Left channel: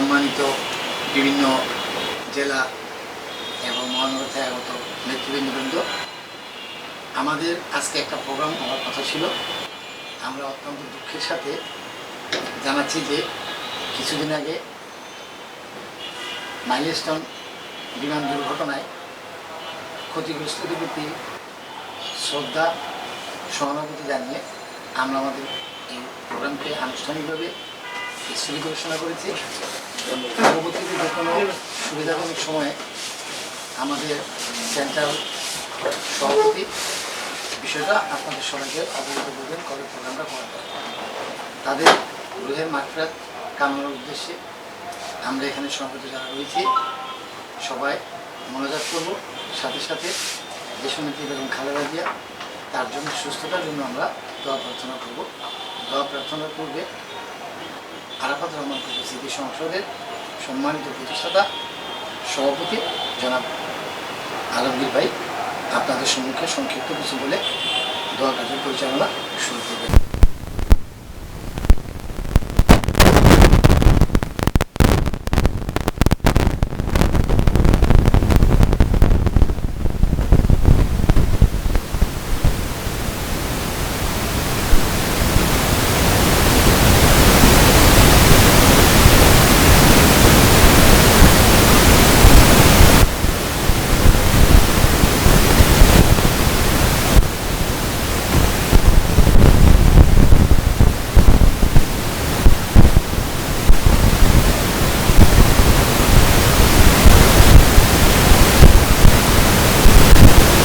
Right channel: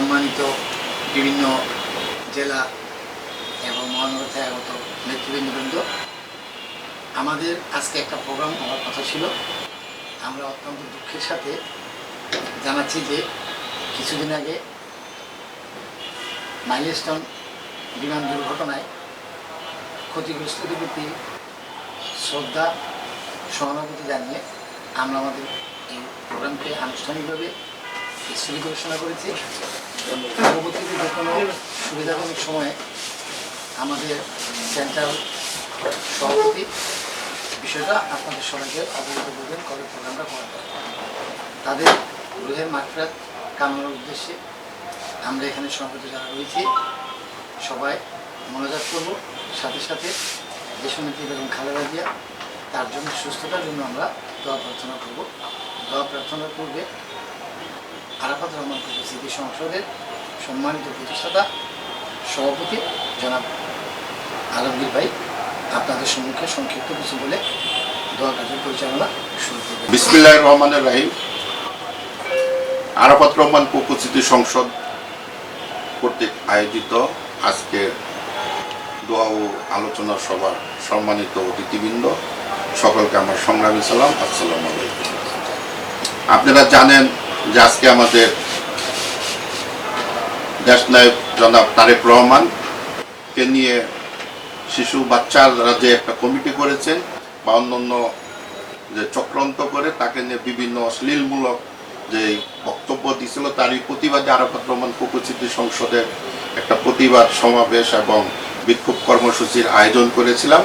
সম্মানিত বিভিন্ন জেলা এবং মহানগর থেকে আগত নেতৃবৃন্দবৃন্দ, আমাদের আজকে একটা প্রোগ্রাম হওয়ার কথা ছিল। আমরা অত্যন্ত দুঃখের সাথে জানাচ্ছি যে কিছুদিন আগে মাইলস্টোন বিমান দুর্ঘটনায় ক্ষতিগ্রস্তদের প্রতি শ্রদ্ধা সহানুভূতি জানিয়ে আমরা আমাদের এই প্রোগ্রামকে আনুষ্ঠানিকভাবে স্থগিত ঘোষণা করেছি। পরবর্তীতে যে কোনো সুবিধাজনক সময়ে আমাদের সেন্ট্রাল সভাপতি বিষয়টা আপনাদের সবাইকে অবগত করবেন কবে প্রোগ্রামটা করা তাদের গৃহের মাঠফেরাত কামনার উদ্দেশ্যে আমরা এখানে সভাপতি যারা রয়েছি সবাই মনোজাত করব সাথে সাথে দেশনেত্রী বেগম খালেদা জিয়া তার জন্য সুস্থতার জন্য আমরা দোয়া প্রার্থনা করব। দোয়া প্রার্থনার পূর্বে আরাফাত রহমান স্মৃতি সংসদের সম্মানিত প্রতিষ্ঠাতা, সভাপতি, জনাব আলমগীর ভাই, আপনাদের সম্মুখে সংক্ষিপ্ত কিছু বলে দোয়া কাজের পরিচালনা শুরু করবেন। বিসমিল্লাহ রহমানের রাহিম। আরাফাত রহমান উপস্থিতি সংসদ কর্তৃক আয়োজিত আজকের দোয়া ও আলোচনা সভা সম্মানিত অতিথিবৃন্দ, সকলকে আমার সংগ্রামী সালাম, আসসালাম আপনারা জানেন আজকে আমাদের দেশ জনাব তারেক রহমান কে নিয়ে শিশু বাচ্চারা যে একটা কমিটি করেছেন বা অন্যান্য যে চক্রান্ত করে, তাকে যে বিভিন্ন অশ্লীলমূলক যে বক্তব্য দিছিল তারই প্রতিবাদে আরাফাত রহমান উপস্থিত সংসদের একটা প্রতিবাদ সমাবেশ এবং বিক্ষোভ কর্মসূচির আয়োজন করেছিলাম।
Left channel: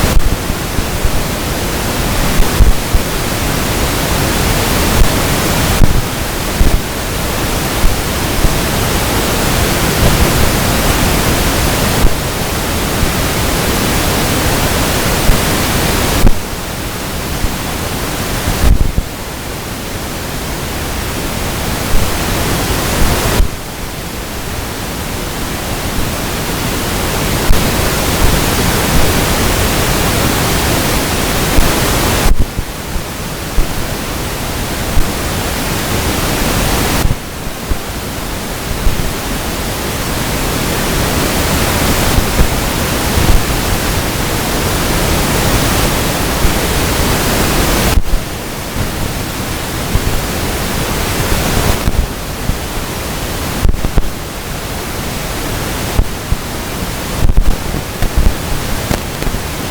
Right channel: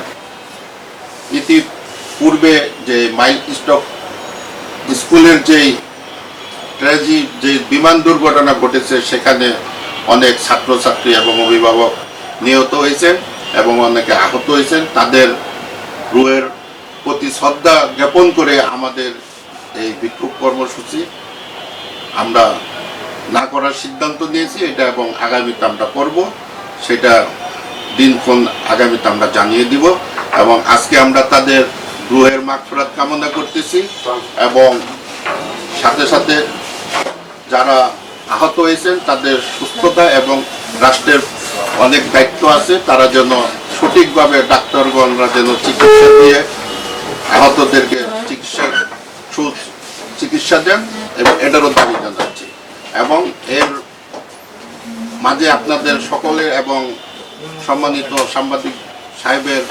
পূর্বে যে মাইল স্টপ স্কুলের যেই ট্র্যাজি যে বিমান দুর্ঘটনা ঘটেছে, সেখানে অনেক ছাত্রছাত্রী এবং অভিভাবক নিহত হয়েছেন এবং অনেকে আহত হয়েছেন। তাদের রুয়ের প্রতি শ্রদ্ধা জ্ঞাপন করে আমাদের এই বিক্ষোভ কর্মসূচি আমরা না করার সিদ্ধান্ত দিয়েছি এটা এবং আগামীতে আমরা করব। সেটা দিনক্ষণ আগামীতে আমরা জানিয়ে দিব। এবং আজকে আমরা তাদের রুহের মাগফিরাত কামনা করতেছি এবং সাথে সাথে যারা আহত হয়েছেন, তাদের সুস্থতা এবং রাষ্ট্রের অনেক দায়িত্ব আছে। তারা যেন সঠিকভাবে ডাক্তারগণরা যেন চিকিৎসা দিয়ে আহতদেরকে চিকিৎসা চিকিৎসা দেন এবং এটারও দাবি এবং এর মাঝে আপনাদের সকলে এবং সম্মানিত সাংবাদিক সাহেবের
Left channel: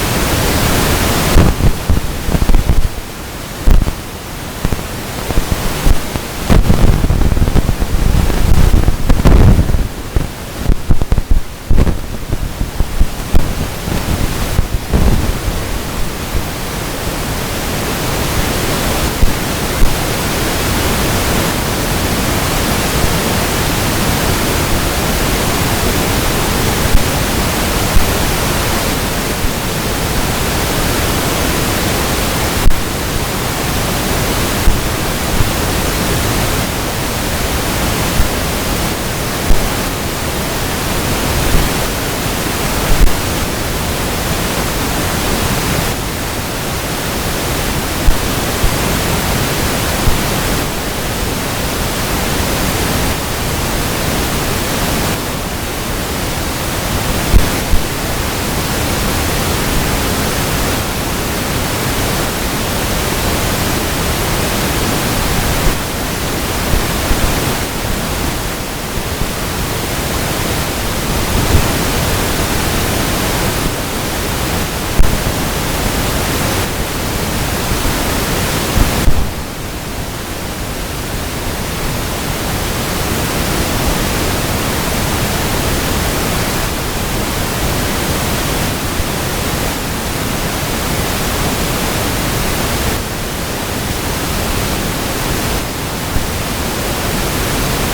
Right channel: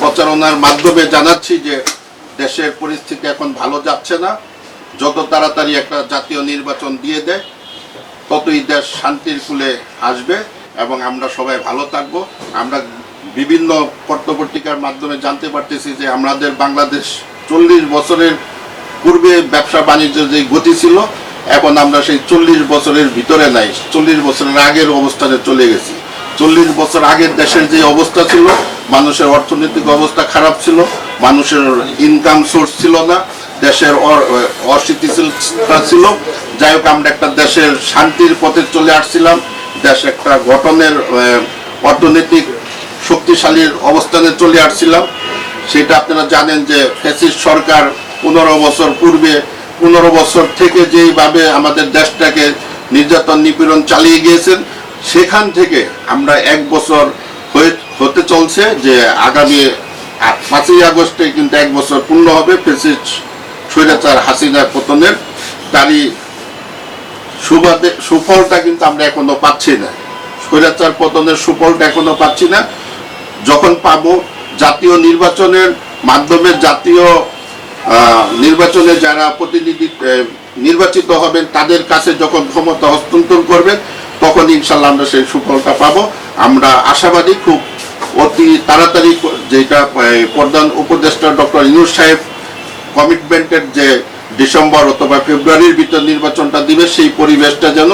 প্রচারণার মাধ্যমে জানাচ্ছি যে দেশের পরিস্থিতি এখন ভালো যাচ্ছে না। যত তাড়াতাড়ি একটা জাতীয় নির্বাচন দিয়ে দেয় ততই দেশ শান্তির ফুলে আসবে এবং আমরা সবাই ভালো থাকব। আমরা বিভিন্ন পত্রপত্রিকার মাধ্যমে জানতে পারতেছি যে আমাদের বাংলাদেশ চল্লিশ বছরের পূর্বে ব্যবসা বাণিজ্য যে গতি ছিল, এখন আমরা সেই চল্লিশ বছরের ভিতরে নাই। চল্লিশ বছরের আগের অবস্থানে চলে গেছি। চল্লিশ বছর আগের দেশের যে অবস্থা ছিল, মানুষের অর্থনৈতিক অবস্থা খারাপ ছিল, মানুষের ইনকাম সোর্স ছিল না। দেশের অস্থিতিশীলতা ছিল। যাই হোক, আমরা একটা দেশের শান্তির পথে চলে আসছিলাম। দেশ একটা গঠনের অর্থনৈতিক শক্তিশালীর অবস্থানে চলে আসছিলাম। সেটা আপনারা জানেন যে ফ্যাসিস্ট সরকার পনেরো বছর পূর্বে, পনেরো বছর থেকে যেইভাবে আমাদের দেশটাকে নির্যাতন নিপীড়ন চালিয়ে গিয়েছেন সেখান থেকে আমরা এক বছর হতে চলছে যে আগামী পাঁচই আগস্টে কিন্তু এক বছর পূর্ণ হবে ফ্যাসিস্ট স্বৈরাচার হাসিনার পতনের তারই সুবাদে, সুফলটা কিন্তু আমরা এখনও পাচ্ছি না। স্বৈরাচার পতনের সুফলটা এখনও পাচ্ছি না। যখন পাবো জাতীয় নির্বাচনের মাধ্যমে জাতীয় নির্বাচনে যারা প্রতিনিধি নির্বাচিত হবেন, তাদের কাছে যখন ক্ষমতা হস্তান্তর করবেন, তখন ইনশাল্লাহ আমরা সেই সুফলটা পাবো। আমরা আশাবাদী, খুব অতি তাড়াতাড়ি যেটা প্রধান উপদেষ্টা ডক্টর ইউনুস সাহেব কমিটমেন্টের যে ডিসেম্বর অথবা ফেব্রুয়ারির ভিতর নির্বাচনটা দিবে, সেই পরিবেশটা যেন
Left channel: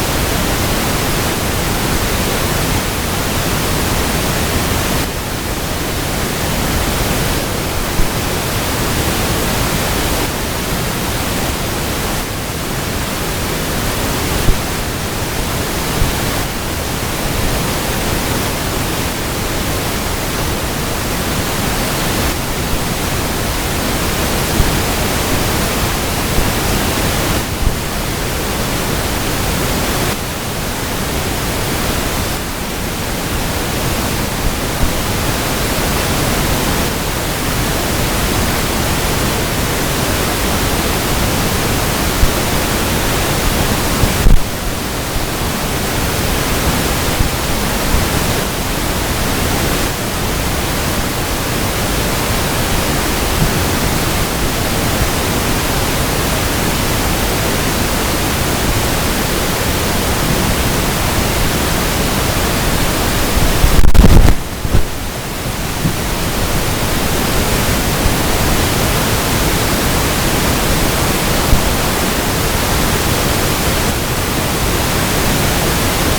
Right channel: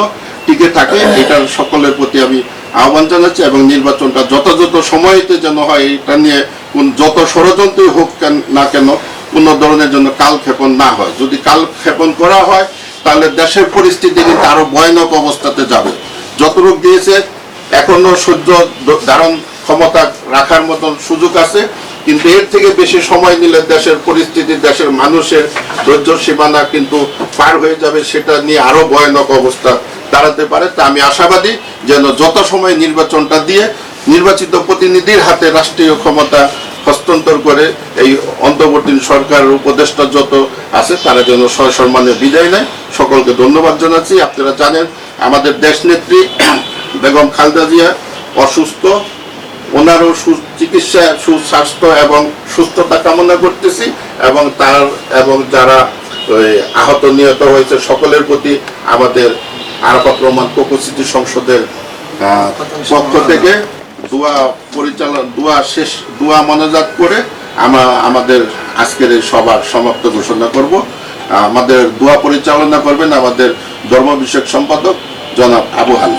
টিকে থাকে, এটার সকলের প্রতি আমি আহ্বান জানাচ্ছি এবং নির্বাচনটা যথাযথ সময়তে যেন হয়, এটা নিয়ে যত ষড়যন্ত্রই হোক কেন- না কেন, কোনো ধরনের জন্য কালক্ষেপণ না হয়। যদি কালক্ষেপণ করা হয়, তাহলে দেশের পরিস্থিতি কিন্তু আরও ভয়ানক অবস্থাতে যাবে। যতটুক দিয়েছে, এখনও সূর্য ধারণ ক্ষমতা রাখার মতন সুযোগ আছে কিন্তু এর থেকে বেশি সময় নিলে দেশের পরিস্থিতি, দেশের মানুষের ধৈর্য সীমানা কিন্তু পার হয়ে যাবে, সেটা নিয়ে আরও ভয়ানক অবস্থা দাঁড়াতে পারে। তা আমি আশাবাদী যেন যত সময় নির্বাচনটা দিয়ে নির্বাচিত প্রতিনিধির হাতে রাষ্ট্রীয় ক্ষমতা হস্তান্তর করে এই অন্তর্বর্তী সরকারের উপদেষ্টা যত আছে, তারা যেন সসম্মানে বিদায় নেয়। সকলকে ধন্যবাদ জানাচ্ছি। আপনারা জানেন, আমাদের দেশ নেত্রী বেগম খালেদা জিয়া অসুস্থ। ওনারও চিকিৎসা সুস্বাস্থ্য এবং সুস্থতা কামনা করতেছি এবং তার এবং যারা আহত নিহত হয়েছে সকলের প্রতি আমাদের আরাফাত রহমান উপস্থিতি সংসদের পক্ষ থেকে দোয়া পরিচালনা, দোয়া শেষ, দোয়া মনোজাত করে আমরা আমাদের আজকের এই সভার সমাপ্ত ঘোষণা করব। আমাদের দোয়া পরিচালনা করবেন আমাদের ধর্ম বিষয়ক সম্পাদক জনাব আবু আলী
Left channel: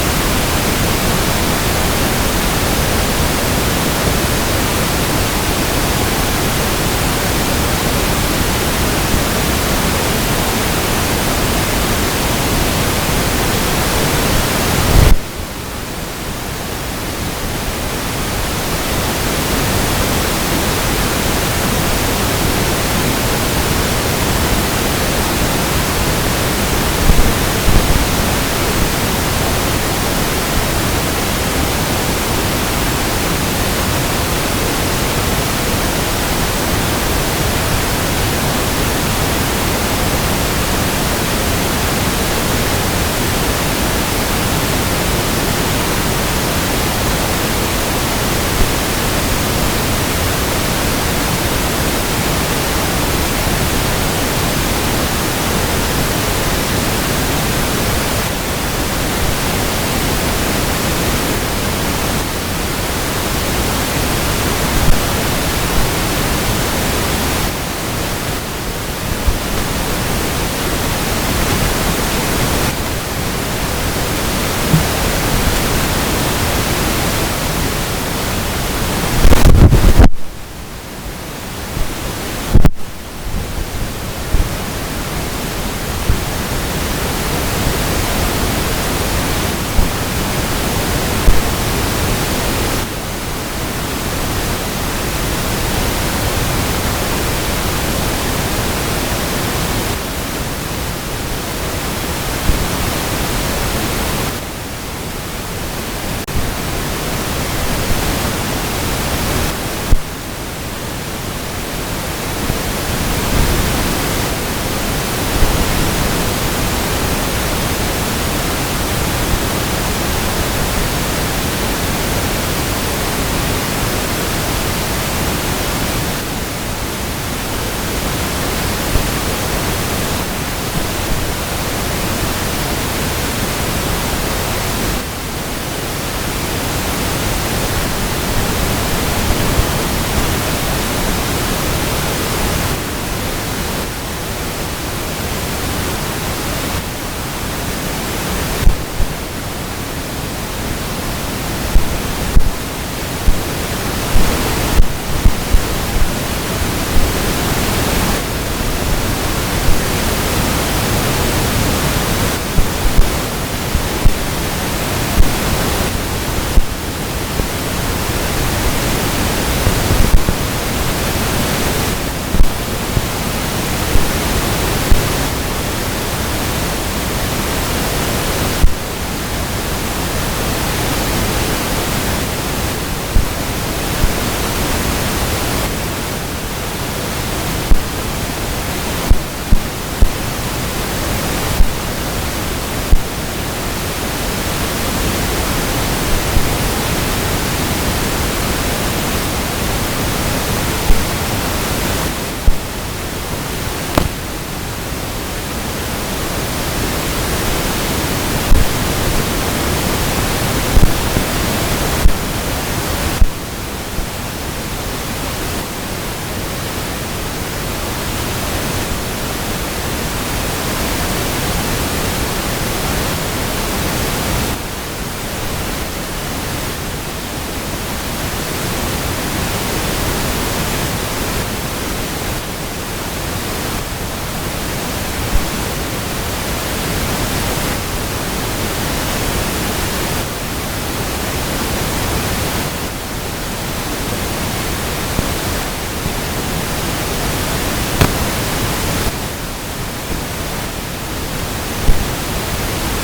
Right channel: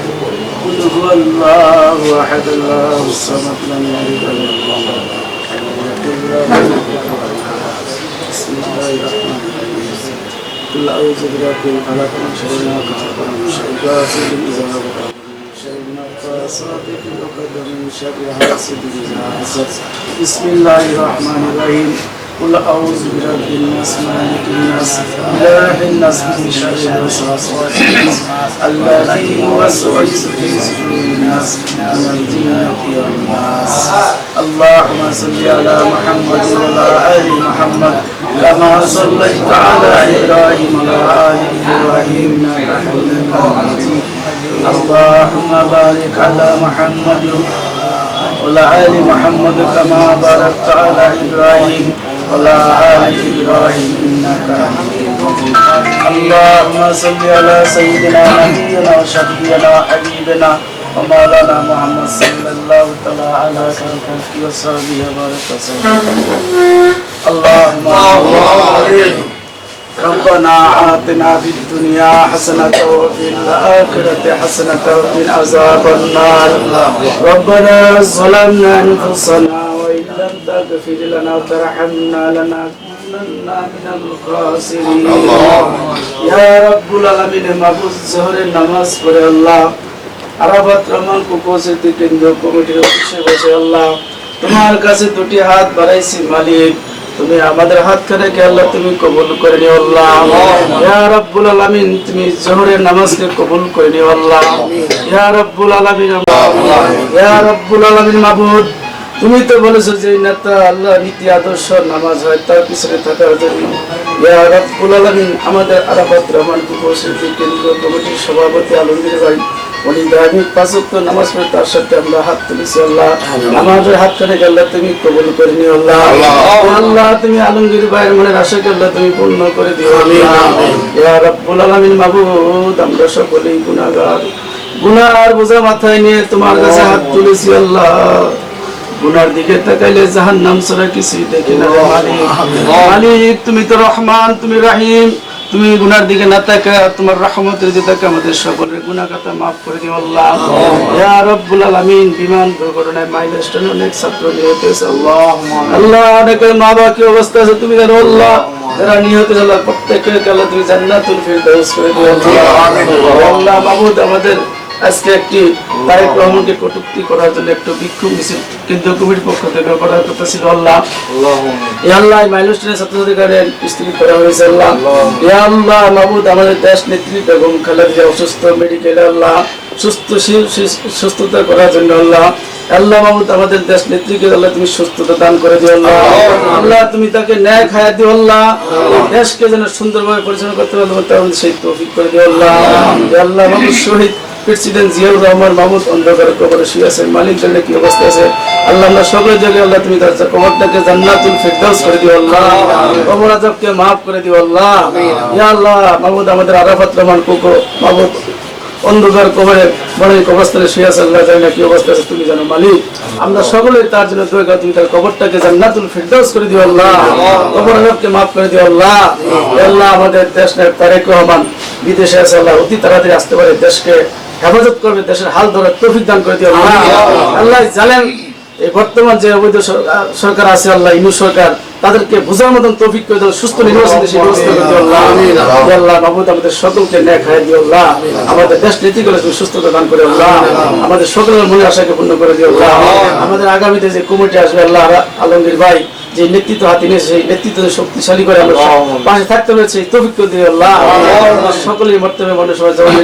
هو الله أحد الله الصمد لم يلد ولم قل اعوذ برب الفلق من شر ما خلق من شر غاسق اذا وقب شر ما غاسق من شر حاسد اذا حسد بسم الله الرحمن الرحيم. قل اعوذ برب الناس مالك الناس. اله الناس من شر الوسواس الذي يوسوس في صدور الناس من الجنة والناس اللهم صل على محمد وعلى آل محمد كما صليت على إبراهيم وعلى آل إبراهيم. انك حميد اللهم بارك على محمد وعلى آل محمد كما باركت على إبراهيم. وعلى إنك حميد مجيد. اللهم صل على سيدنا نبينا وشفينا وحبيبنا ومولانا محمد صلى الله تعالى على سيدنا وصحبه وبارك وسلم. اللهم صل ربنا آتنا في الدنيا حسنة وفي الآخرة حسنة وقنا عذاب النار ربنا ظلمنا أنفسنا وإن لم تغفر لنا وترحمنا لنكونن من الخاسرين يا رب العالمين মাহফুজ শহরের নামাজ পড়ে আল্লাহ আরাবাত রহমান উপস্থিতি কেন্দ্র কমিটির অফিসে বসে আল্লাহ তোমার কাছে দুটি হাত বাড়াইছি মালিক তুমি আমাদের হাত থেকে আল্লাহ তুমি কবুল করে নিও আল্লাহ। তুমি জোহরের নামাজকে কবুল করে নিও আল্লাহ। ইয়া তুমি তো বলেছ যে নেতা আল্লাহ নীতি, আদর্শ, নামাজ হয়, তার পিছনে থাকার জন্য। আমাদের আরাফাত রহমান কেন্দ্রীয় কমিটির সভাপতি আলমগীর ভাই। উনি গ্রামীণ পাঁচত্ব নামাজ পড়ে তার সাথে আল্লাহ হাত তুলেছি আল্লাহ নামাজের হাত থেকে আল্লাহ তুমি কবুল করে নিও আল্লাহ। আল্লাহ। তুমি আলমগীর ভাইয়ের মনের আশাকে আল্লাহ তুমি পূর্ণ করে দিও আল্লাহ। রাব্বুল আলামিন মাবুদ আমরা সকলেই গুনাহগার। গুনার বোঝা মাথায় নিয়ে তোমার কাছে হাত তুলেছি আল্লাহ। গুনার দিকে তাকাইলে জাহান নাম ছাড়া কিছুই দেখে না। রে মালিক মালিক তুমি তো রহমান তুমি রাহিম। তুমি গুনার দিকে না তাকা তোমার রহমতের দিকে আমাদের সকলের খাতা মাফ করে দিও আল্লাহ। ইয়া রাব্বুল আলামিন বিমান দুর্ঘটনায় মাইলস্টোনে অনেক ছাত্র হয়েছে, আল্লাহ। আল্লাহ অনেকের মা বাবা কি অবস্থা আছে তুমি জানো আল্লাহ? যারা নিহত আল্লাহ প্রত্যেকের আল্লাহ তুমি জান্নাতুল ফিরদাউস করে দিও, আল্লাহ। আল্লাহ মাহমুদ আমাদের আজকে একটি তারেক রহমানকে কটূক্তি করার জন্য একটু বিক্ষোভ মিছিল কিন্তু কবির পক্ষ থেকে করার কথা আল্লাহ। এ আল্লাহ মাইলস্টোনের ছাত্রাধিকারের বিস্তৃত করা হয়েছে আল্লাহ। এ আল্লাহ মাহমুদ আমাদের দেশ নেত্রী এবং খালেদা অসুস্থ মেডিকেলে আল্লাহ। সুস্থ শি- শি- সুস্থতা করার জন্য আল্লাহ। আল্লাহ মাহমুদ আমাদের দেশ নেত্রীকে আল্লাহ তুমি সুস্থতা দান করে দিও আল্লাহ। আল্লাহ। তুমি তাকে ন্যায় খায়া দিও আল্লাহ। দেশকে যেন সুন্দরভাবে পরিচালনা করতে পারব তাহলে সেই তৌফিক করে দিও আল্লাহ। আল্লাহ। মাহমুদ শহীদ। প্রেসিডেন্ট জিয়াউর রহমান মাহমুদ অন্ধকার কবরে শুয়ে আছেন। মালিক জানে কি অবস্থা আছে? আল্লাহ আমরা সকলের জায়গায় আল্লাহ তুমি তার কবরটাকে জান্নাতুল ফিরদাউস করে দিও, আল্লাহ। কবর আযাবকে maaf করে দিও, আল্লাহ। ইয়া আল্লাহ, মাহমুদ আমাদের আরাফাত রহমান কুকো, মাহমুদ। অন্ধকার কবরে বড় অবস্থায় শুয়ে আছে, আল্লাহ জানে কি অবস্থা আছে, তুমি জানো, মালিক। আমরা সকলে তার জন্য দোয়া করি, তুমি তার কবরটাকে জান্নাতুল ফিরদৌস করে দিও, আল্লাহ। কবর আযাবকে মাফ করে দিও, আল্লাহ। হে আল্লাহ, আমাদের দেশ নায়ক তারেক রহমান বিদেশে আছে, আল্লাহ, অতি তাড়াতাড়ি আসতে পারে দেশকে। হেফাজত করবে দেশের হাল ধরার তৌফিক দান করে দিও। আল্লাহ। জানেন বর্তমান যে অবৈধ সরকার- আছে আল্লাহ ইনু সরকার তাদেরকে বোঝার মতন তৌফিক করে দেওয়া সুস্থ নির্বাচন সেই ব্যবস্থা করে দিও। আল্লাহ নবদ আমাদের সকলকে ন্যায় খাই দিও আল্লাহ। আমাদের দেশ নীতি করে তুমি সুস্থতা দান করে আল্লাহ। আমাদের সকলের মনে আশাকে পূর্ণ করে দিও আল্লাহ। আমাদের আগামীতে যে কমিটি আসবে আল্লাহ আলমগীর ভাই যে নেতৃত্ব হাতে নিয়ে সেই নেতৃত্ব শক্তিশালী করে আমরা পাশে থাকতে হয়েছে এই দিয়ে আল্লাহ। সকলের সকলেই মনে সবাই জবাব